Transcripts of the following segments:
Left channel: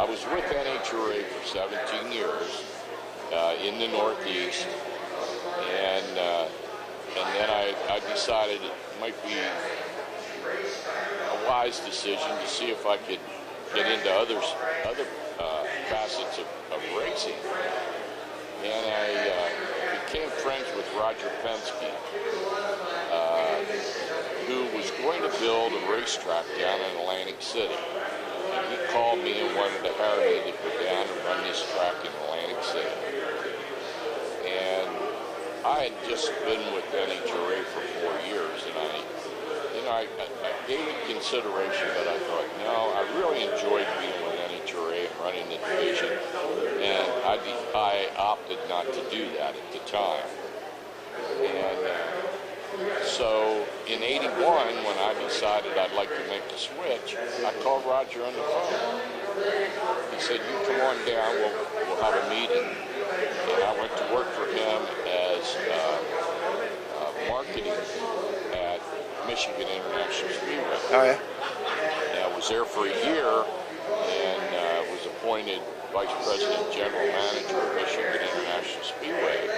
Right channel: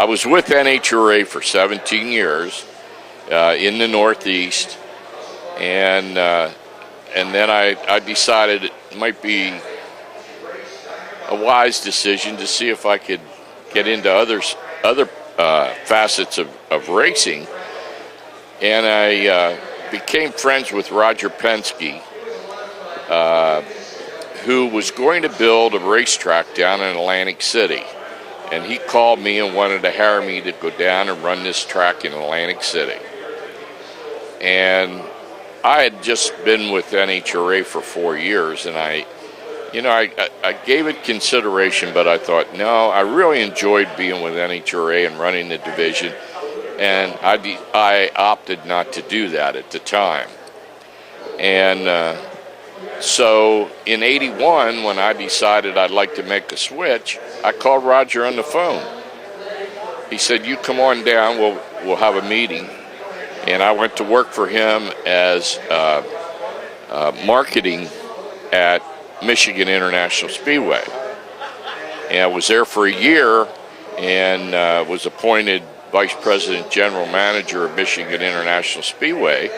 I was with NHRA for 17 years in the Northeast, and then I decided it might be a wise decision to see if I could get into other facets of racing, and I became friends with Roger Penske, who was going to build a racetrack down in Atlantic City. And he called me and wanted to hire me to go down and run this track in Atlantic City. And I had just been with NHRA for 4 years, and I gave it consideration, but I thought, no, I really enjoyed being with NHRA and running the division, and I opted not to do that at the time. And so in '81, when I decided I'd like to make a switch, I called Roger on the phone. He said, "You come on down, we'll have a meeting." And I went to work for him as marketing at Michigan International Speedway. Oh, yeah. And I was there for a year and was appointed Vice President General Manager of Michigan International Speedway,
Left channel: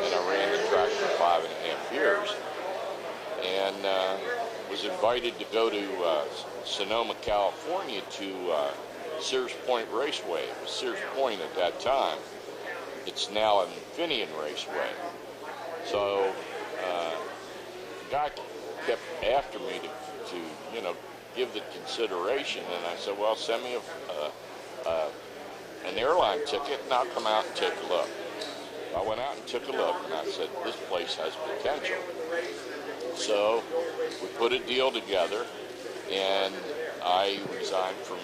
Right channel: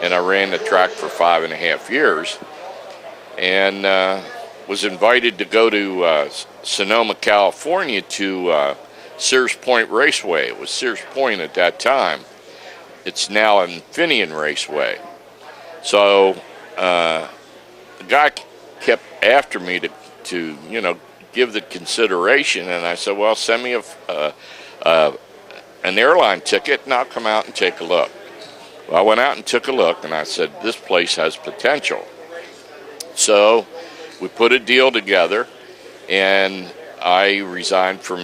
and I ran the track for 5.5 years. And was invited to go to Sonoma, California to Sears Point Raceway. It was Sears Point at that time. It's now Infineon Raceway. So the guy kept after me to give the consideration, and I said, well, send me an airline ticket and I'll come out and take a look. Well, I went out and took a look, and I said, this place has potential. So we put a deal together, and I resigned from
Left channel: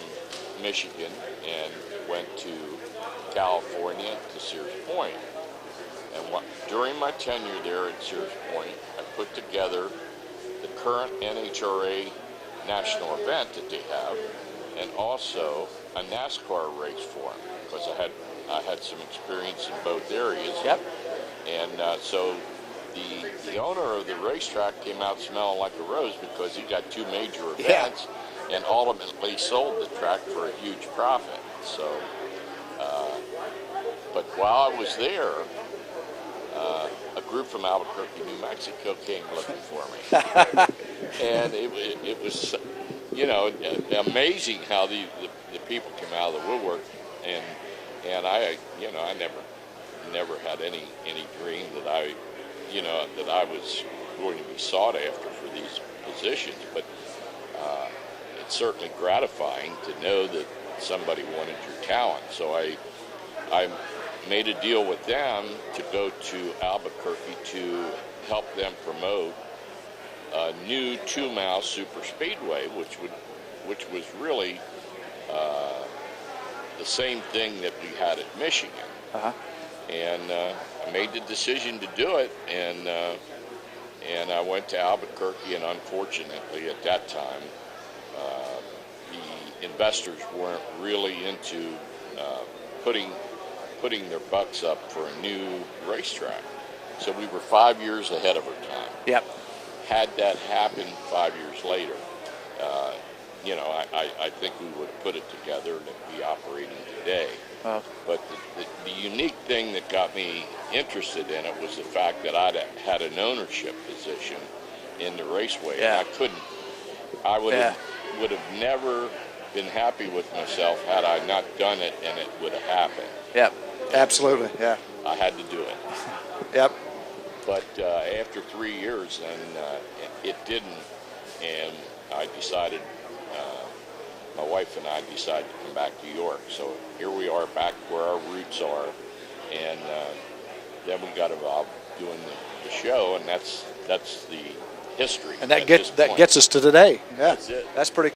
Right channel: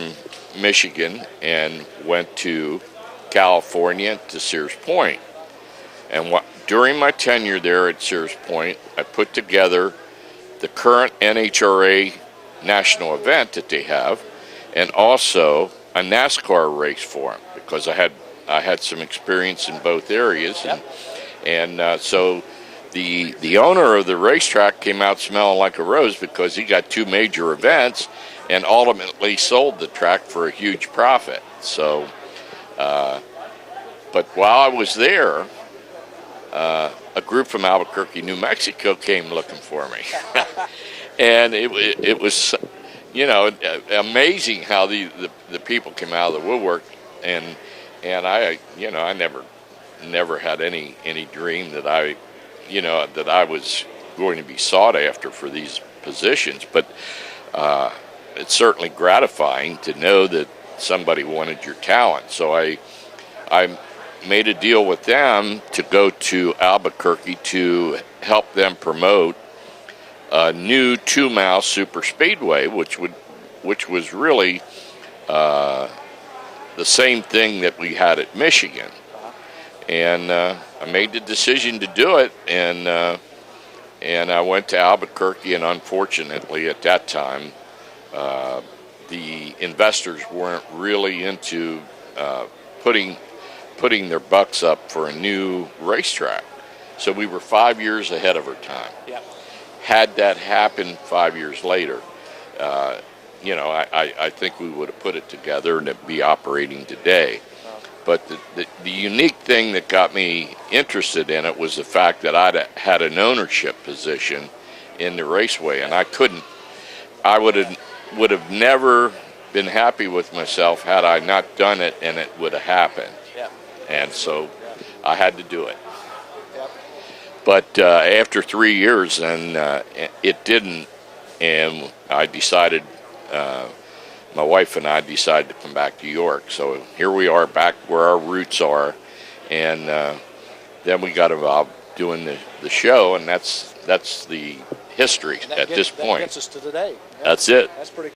Michigan and went to California to Sears Point. And during my tenure there at Sears Point, I put together the current NHRA national event that they have, and also a NASCAR race for them, because I had some experience in both areas. Yep. And so the owner of the racetrack came out smelling like a rose, because he got 2 major events and ultimately sold the track for a huge profit. So, but while I was there, a group from Albuquerque, New Mexico came looking for me. And it was, amazing how the people came out of the woodwork, and I never had any dream that I was going to be sought after for these positions, but it's certainly gratifying to know that somebody wanted your talent. So I made a deal with them to go to Albuquerque to help them promote a new 2-mile super speedway, which was really the same thing that we had at Michigan. Uh-huh. And I made the decision to do it, and I went to Albuquerque, and unfortunately at that time the investors weren't really into putting their bucks up for a new racetrack. So we were 5 years ahead of our time. Yep. Had that happened 5 years later, I think we would have put it together and it'd be operating today. But the unique thing that got me interested in it was the fact that I had an ownership position in the raceway, and I would have never been happy with myself had I not done it, and it would have happened. Yep. And Absolutely. So Yeah. I had to do it. Yep. But after 3 years, then it didn't, and I decided, my wife and I decided to come back to York. So here we are, back where our roots are, and then we got involved doing the show, and that's the history And that at this point. That gets us to today. Yeah. That's it. That's pretty